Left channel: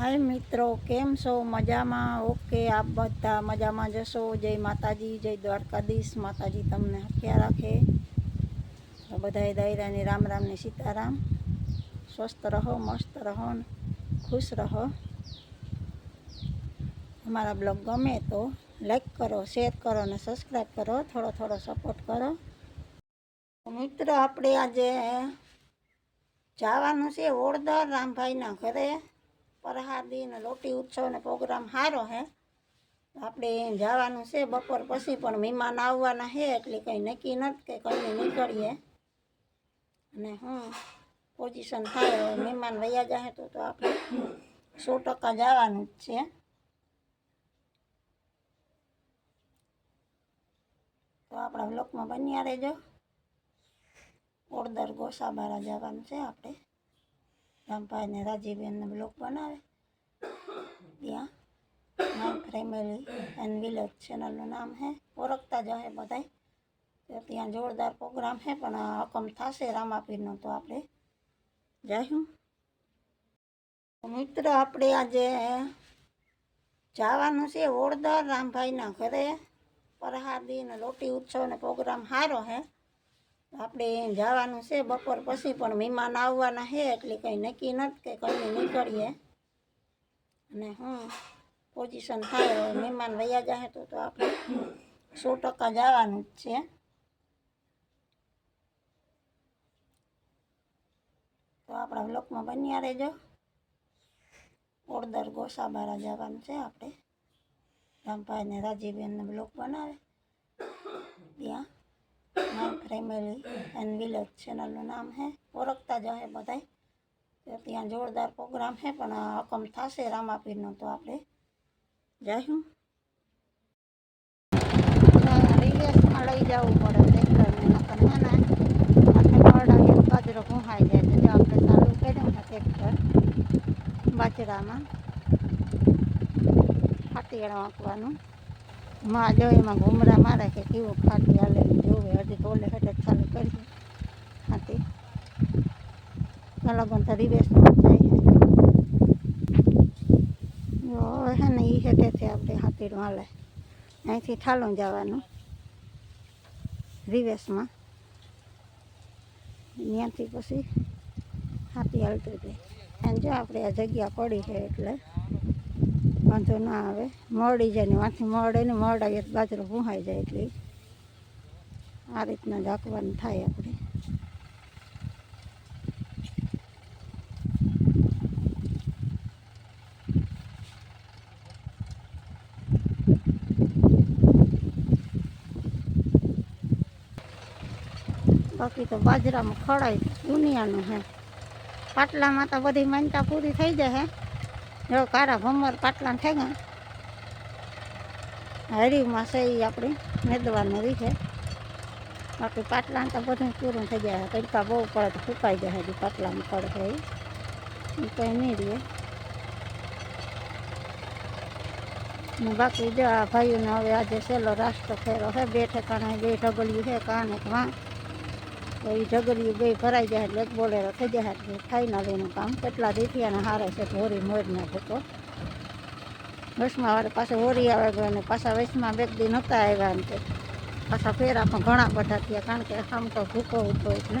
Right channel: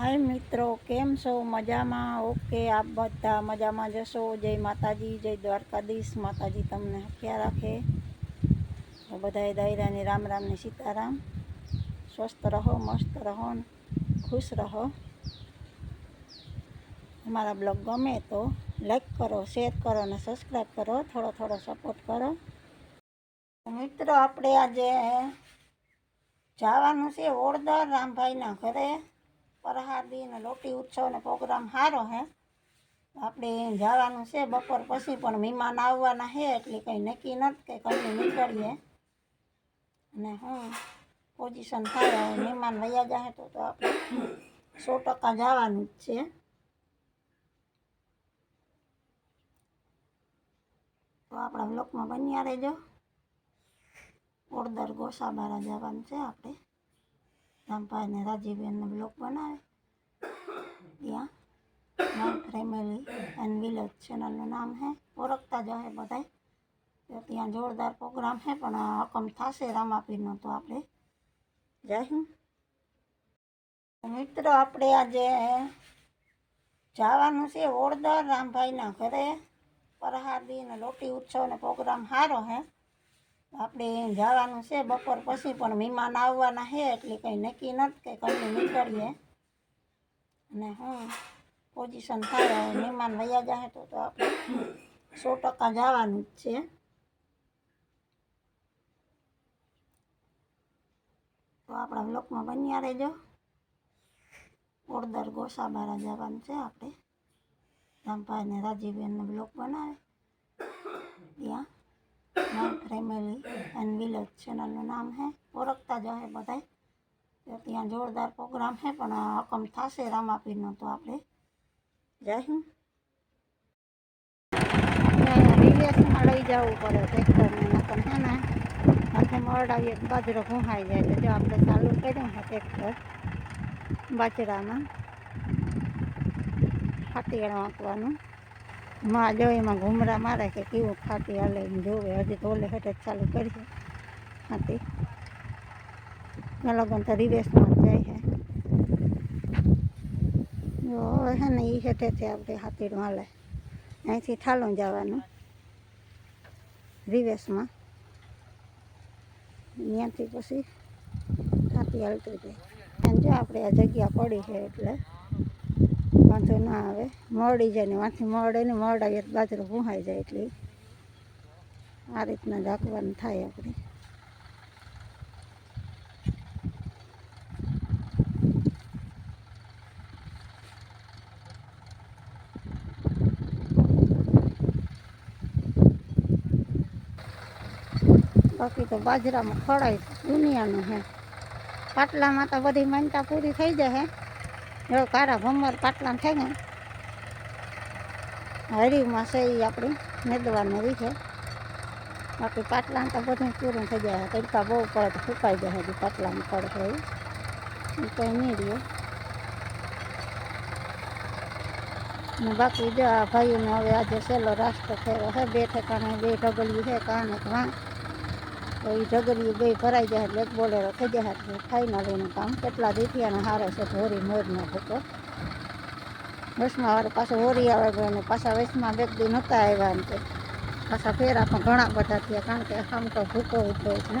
હાય મિત્રો, કેમ છો? મજામાં? ઓકે, આપ બધા મજામાં જશો? જય માતાજી, જય દ્વારકાધીશ. માતાજી તમને હખ્યા રાખે. તો બધાએ દાયરાની રામ રામની સીતારામ. સ્વસ્થ રહો, મસ્ત રહો ખુશ રહો. અમારા બ્લોગ ગમે તો લાઈક કરો શેર કરો અને સબસ્ક્રાઈબ કરો. થોડો થોડો સપોર્ટ કરો. મિત્રો, આપણે આજે જવાનું છે ઓળદર રામભાઈના ઘરે. પ્રહાદી ને લોટી ઉત્સવનો પ્રોગ્રામ સારો હે. આપણે જવાનું છે બપોર પછી, પણ મહેમાન આવવાના છે એટલે કંઈ નક્કી નથી કે કંઈ નીકળીએ. અને હું પોઝિશન થાય, હવે મહેમાન વયા જાય તો તો આપણે સો ટકા જવાનું જ છે. તો આપણા બ્લોકમાં બન્યા રહેજો. ઓળદર ગોસાબારા જવાનું છે આપણે. રામભાઈ ને બ્લોગ બનાવે. ત્યાં માય ફેમિલી એન્ડ વિલેજ ચેનલનું નામ હે. ઓળખતા જ હે બધાય. ત્યાં જોરદાર પ્રોગ્રામ હે, પણ હકમ થશે રામાપીરનો તો આપણે જઈશું મિત્ર, આપણે આજે જવાનું છે ઓળદર રામભાઈના ઘરે. પ્રહાદી ને લોટી ઉત્સવનો પ્રોગ્રામ સારો છે આપણે જવાનું છે બપોર પછી, પણ મહેમાન આવવાના છે, એટલે કંઈ નક્કી નથી કે કંઈ નીકળીએ. અને હું પોઝિશન થાય, હવે મહેમાન વયા જાય તો તો આપણે સો ટકા જવાનું જ છે. તો આપણા બ્લોકમાં બન્યા રહેજો. ઓળદર ગોસાબારા જવાનું છે આપણે. રામભાઈને રાજીબેનને બ્લોક બનાવે. ત્યાં. માય ફેમિલી એન્ડ વિલેજ ચેનલનું નામ છે ઓળખતા જ હે બધાય. તો ત્યાં જોરદાર પ્રોગ્રામ છે પણ હકમ થશે રામાપીરનો તો આપણે જઈશું રિલેસમાં લઈ જવું પડે ટ્રેક્ટરને નકર હે ને આપણે ખવડાવીએ તો બાજરો ઘૂંહાઈ જાય તો જો આપણે ચાલુ કર્યું છે ટ્રેક્ટર બાજરામાં. ફાટીણ વાંકવાનું માં જો એમાં ઘૂમરા મારે કે કેવું ફાટી હાલે જોવે. હજી તોલે હેઠે ચાલુ કરીએ હાથી. લગન તો રિવેશમાં જાય છે. હવે છે ને એ હેઠેથી આપણે હાથી હાલે. અહીંથી ઠાલું જવાનું. રિવેશમાં ત્યાંથી પછી હાથી હાલતું જાય. અને જો, આપણે આ જગ્યા પડી છે એટલે. વાંધો ના આવે. મળી જાય ને વાંથી મળે ને મળાવીએ તો બાજરો ભૂહાઈ જાય એટલે આ રીતના ઝાંકવાનું થાય આપણે. બાકી તો બાજરામાં ખડાય દુનિયાનું હે. પાટલામાં તો બધી માનતા પૂરી થઈ જાય હે. જો કારા ભમર પાટલા થઈ ગયા હરીમાં છે એ આપણી, મેદવાનું રહી છે. બાકી પાટલા તો બધું પૂરું થઈ જાય તડકા બહુ પડે તો સુકાઈ જાય હજી પાટલામાં પડે છે એ કંઈ નહીં રહે ને બાકી જો આ ભાઈઓને હવે આજે સહેલો રાષ્ટ્ર ફેરો છે, બે ઠેકાણે, બે ઢગલિયું છે, કાને વાં તો એ ઢગલિયું બે ભરાઈ જાય એટલે એક બોલેરો થઈ જાય એટલે ફાઇનલ એનું કામ. કેટલા દીઠિયાને હારે છે હોરી મોરને ભૂકો વસમાં વાળે પાછો હોરી આવે ગયો અને પાછા વસમાં બે દી નહોતા આવ્યા ને તે પાછા ફેરા પણ ઘણા બધા થયા, કારણ કે આમ તો ભૂકો ઉઠો એટલે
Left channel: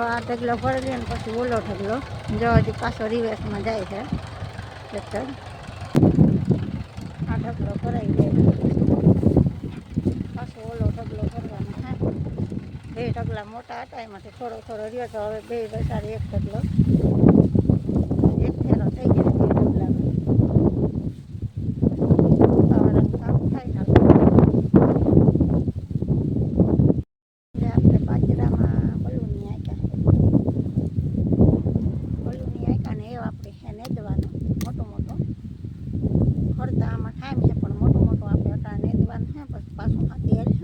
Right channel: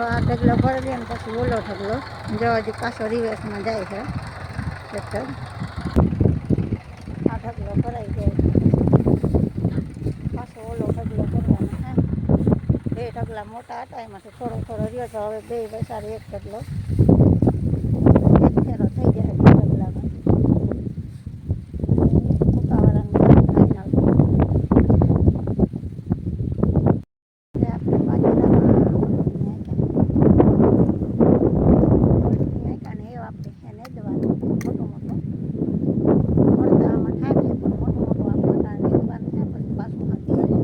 આ ઢગલો ભરી લે ને પછી ઓલો ઢગલો. જો હજી પાછો રિવેસમાં જાય છે. ટ્રેક્ટર આ ઢગલો ભરાઈ જાય. પાછો ઓલો ઢગલો ભરવાનો હા બે ઢગલા મોટા હતા એમાંથી થોડો થોડો રહ્યો તો હવે બે વસારી એક ઢગલો એક ફેરો થઈ જાય બે ઢગલામાં વાતાવરણ સારું થાય ને હવે આપણે બાજરામાં ઓલું આંક્યા ઓલું આંક્યા ને એ આપણે એને દવાનું મોટું મોટું અડધા આમાં ઠાક છે પણ મોટું મોટું આપણે અટાણે દવાનું છે પછી પાછું હાથી હાલે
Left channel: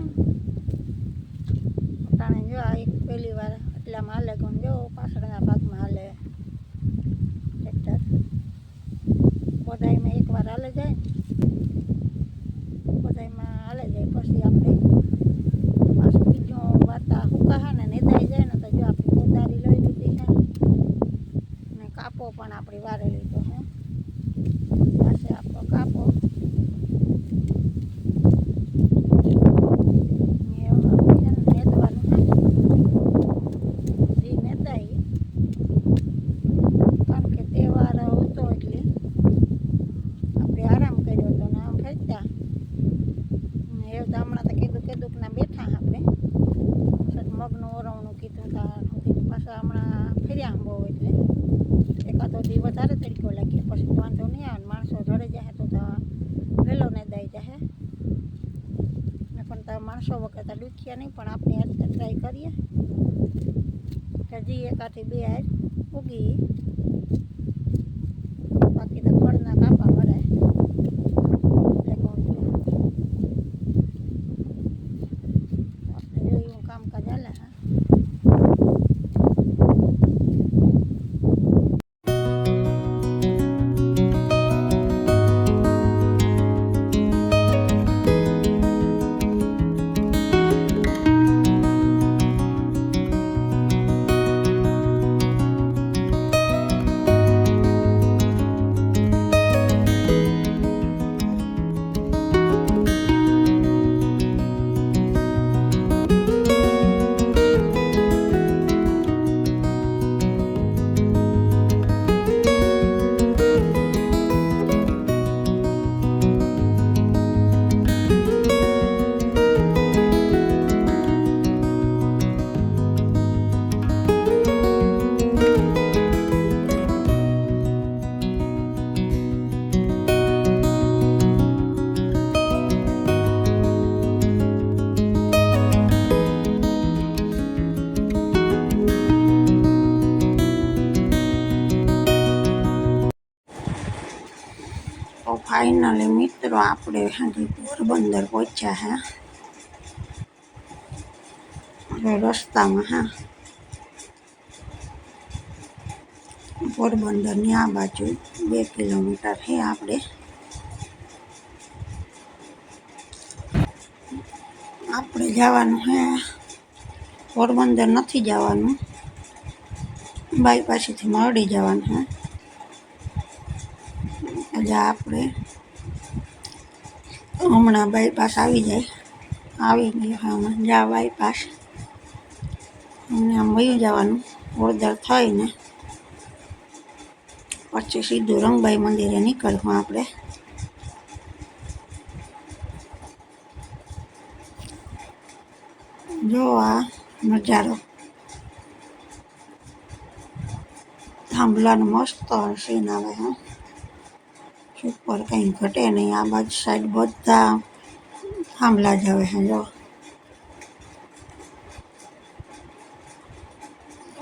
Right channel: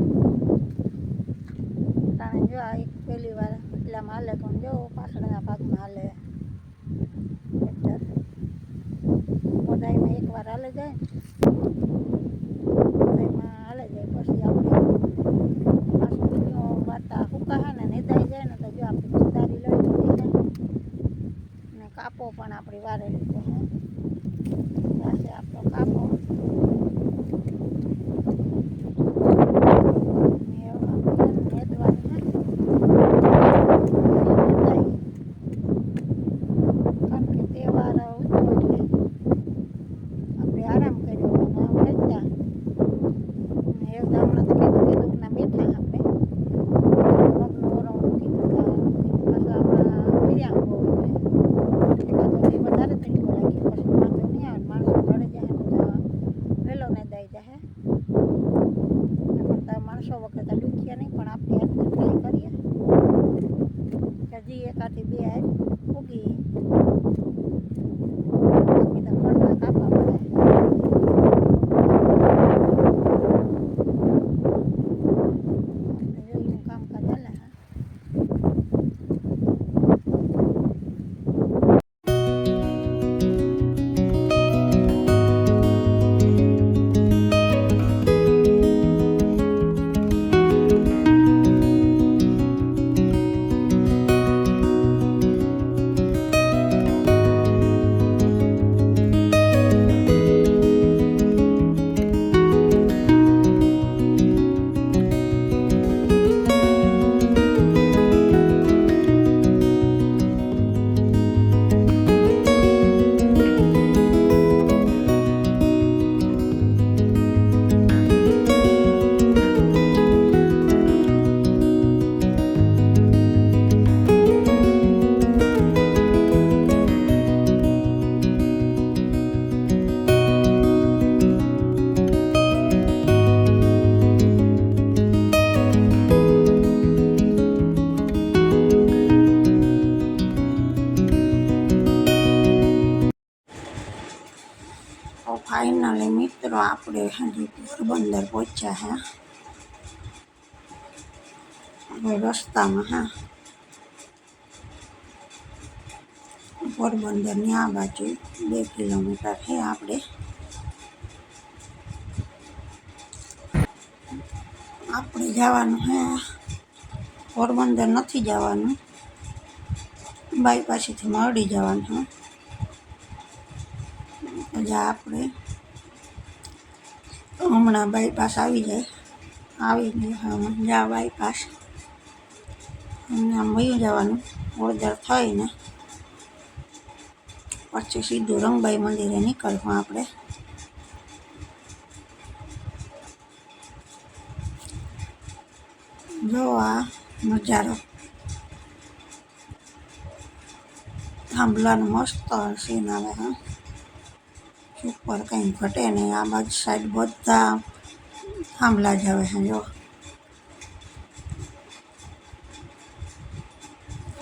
અટાણે જો આ એક પહેલી વાર એટલામાં હાલે કોણ જો પાછળના ભાગમાં હાલે ટ્રેક્ટર. બધાયમાં એકવાર હાલે જાય બધાયમાં હાલે જાય. પછી આપણે પાછું બીજું વાતા હુકા ને નેદાઈ જાય ને તો જો આપણે કુદારી લઈ લીધી છે. ને કાપો પણ આપણી વારે લીધો હે. પાસે આપણો કાપો ને હવે આપણે એને નેદવાનું હે એ નેદાય કારણ કે તહેવાર હતો એટલે આપણે આરામ કર્યો હતો ને આમ હેચતા ને એ તો હમણાં તો કીધું કીધું ના બેઠા આપણે મગનું ઓરવણું કીધું તાનું કીધું પાછા હમણાં ફેર્યા બહુ એટલે એકાદો દી વધારે તડકો લાગ્યો પછી વાંધો નહીં આવે માણસો ઘરે જાય તો વહેલો ને દઈ જાય. પણ તો માણસો વગર તો દુખ્યા નહીં, પણ આપણે હાથે ટ્રાય કરીએ. કે હજી એકાથી બે હાથ ઉગી. મિત્રો આપણે હજી પોરબંદર પહોંચ્યા હે હવે રસ્તામાં હા પોરબંદરની આ બાજુ બે કિલોમીટર છે આપણે આપણે જવાનું હે પોરબંદર નથી જવાનું બાયપાસેથી મરડી જવાનું હે એટલે આપણે હમણાં બાયપાસ આવી જાય. આવી ગયો હમણાં. જા બાયપાસ અમને આમ વયું જવાનું. ઓળદર થઈને પછી સીધું રંગબાઈ મંદિરે નીકળવું આપણે. જો આ નજારો. થાંભલાનો મસ્ત સીન આવે, હા. ઉપર કંઈ ઘટે નહીં. આ બાજુ સાઈડ બધા થાંભલા જ આવે છે જો.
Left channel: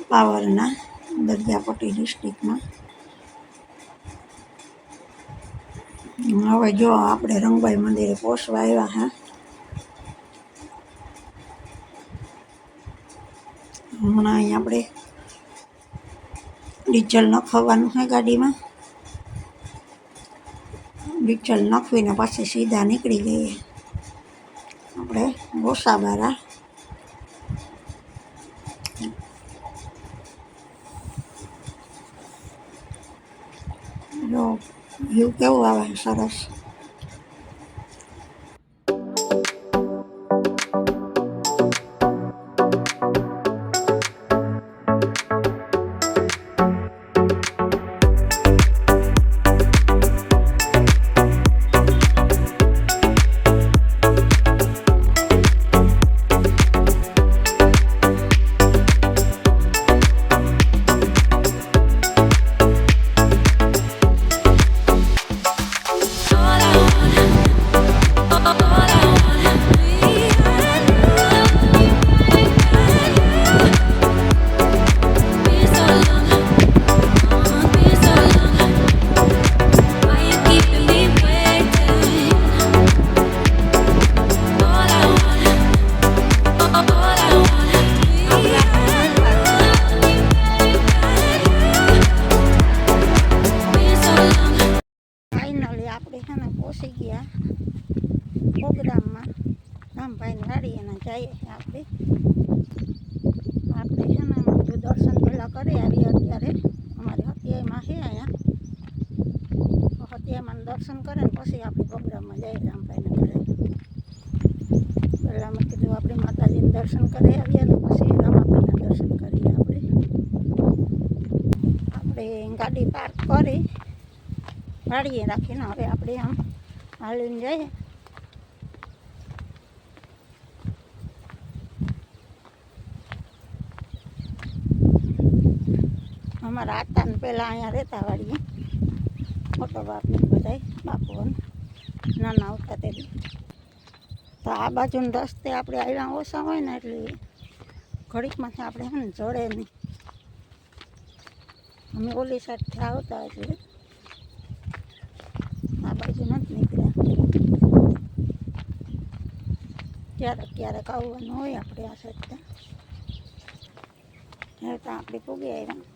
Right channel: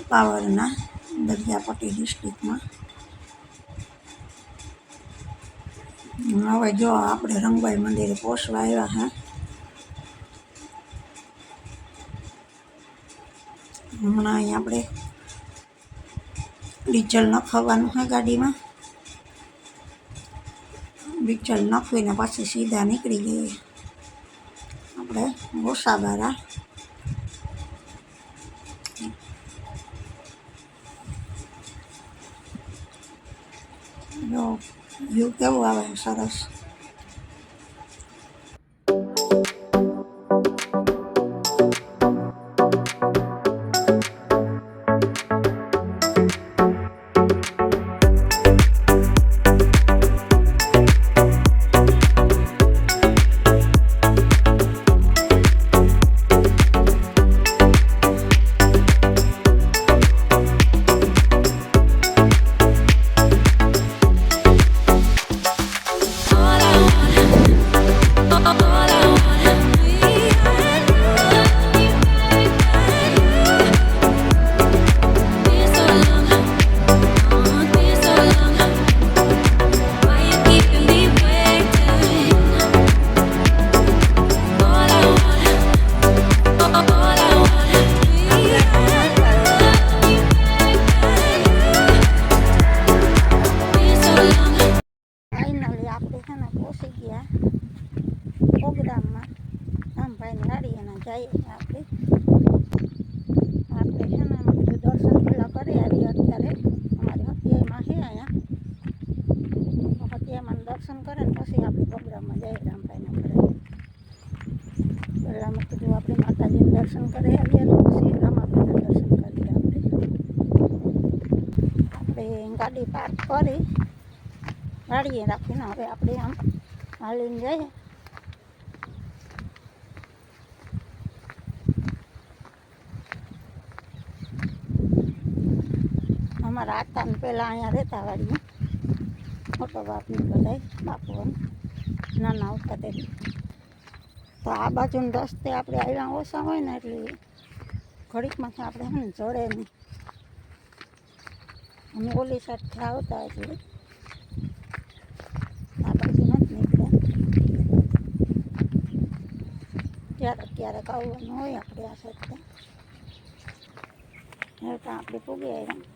પાવરના દરિયાપટ્ટી ડિસ્ટ્રિક્ટમાં. હવે જો આપણે રંગબાઈ મંદિરે પહોંચવા આવ્યા, હા. હમણાં અહીં આપણે ડીઝલ નખાવવાનું છે ગાડીમાં. ડીઝલ નાખવીને પાછી સીધા નીકળી જઈએ આપણે ગોસાબારા. જો વ્યૂ કેવું આવે? સરસ. જઈએ આપણે. આપણે છે ને બધું દર્શન પહેલાં કરી આવીએ અત્યારે. અમારી હત્યામાં છે અહીંયા. રામાપીરિયામાં દર્શન કરે ને પછી આપણે પ્રોગ્રામમાં જઈએ રામભાઈને ઘરે. પહેલાં મેં કીધું આપણે માતાજીને દર્શન કરી આવીએ ને પછી રામાપીરના દર્શન કરીએ આપણે. આપણે ગાડી પાર્ક કરી. ગાડીએ રાખીને હવે આપણે આમ હાલીને જઈએ. અમારા આતાને પહેલાં અહીંયા રહેતા વાળીએ મોટો બાપને બધાય બાપુ નાના આવતા તે તો આ બાજુના રસ્તે આપણે આવ્યા ઓછા હોય ને એટલે ઘડીકમાંથી આપણે ને જડે નહીં. અમે ઓલી સાઈડથી આવતા એટલે આ બાજુ નથી નીકળ્યા. ક્યારેક ક્યારેક આવવાનું હોય આપણે આ સાઈડથી હવે તો આપણે પૂગી આવ્યા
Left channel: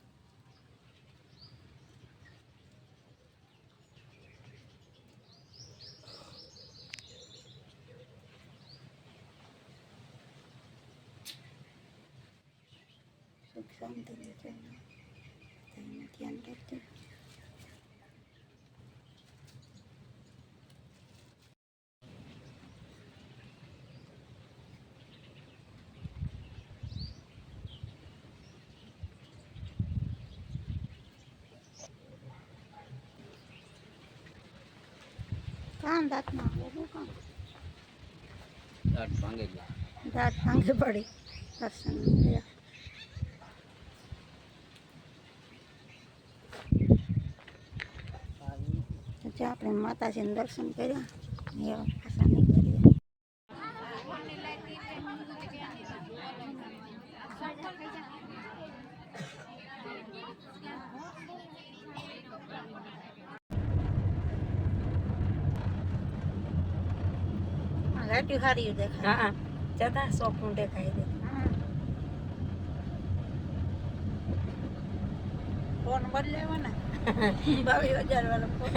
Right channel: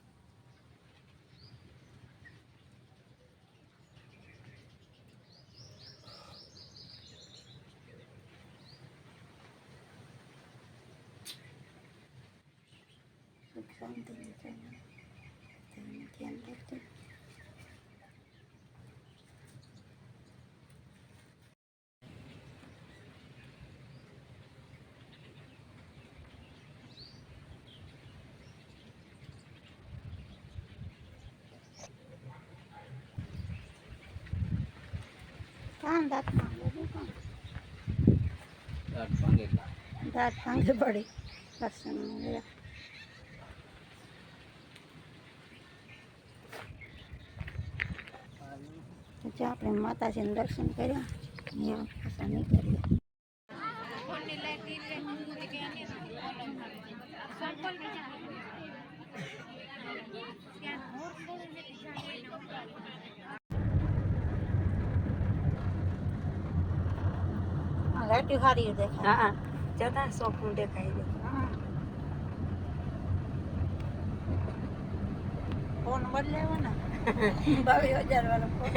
શાંતિની છે તેનું ધ્યાન રાખજો કાન દાંતમાં આવે કાન દાંત ભાંગી દાંત ભાંગી પડી. દર્શન ગયા તો જે આપણે માતાજીને દર્શન કર્યા. એવા પાછા નીકળીએ આ લાઈટ હારી દેખાય. હા જતા સોફું દેખાય છે. હા. ફોન બદલાવ્યો ને. બાવીસ હજાર વાળો ફોન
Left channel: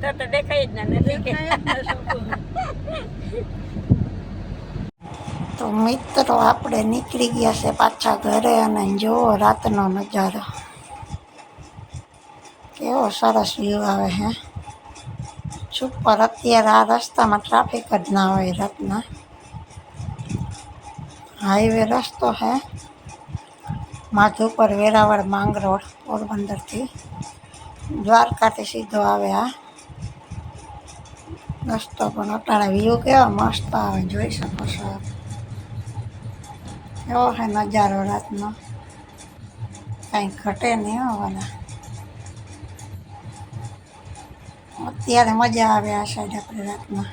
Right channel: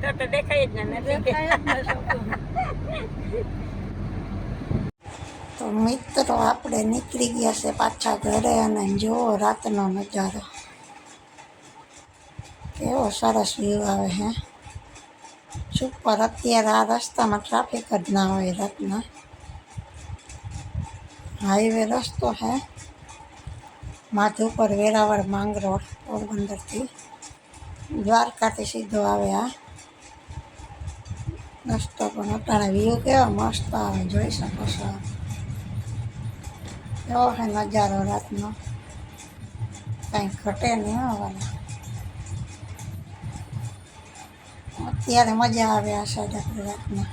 તો તો દેખાય જ ના નથી દેખાય જ ને સોફું. તો મિત્રો, આપણે નીકળી ગયા છે પાછા ઘરે અને જુઓ રાતનો નજારો. કેવો સરસ વ્યૂ આવે હે. સુપર અત્યારે આ રસ્તામાં ટ્રાફિક જ ના હોય રાતના. હાઈવે રસ્તો હે. માધુપર વેરાવળ માંગરોળ પોરબંદરથી. દ્વારકાથી સીધો આવે આ. રસ્તો પણ અત્યારે વ્યૂ કેવા મસ્ત આવે, જોઈ શકો છો એવો હે નજારો રાતનો. કાંઈ ઘટે નહીં હોવાના અત્યારે મજા આવે આ સાઈડ આપણે રાતના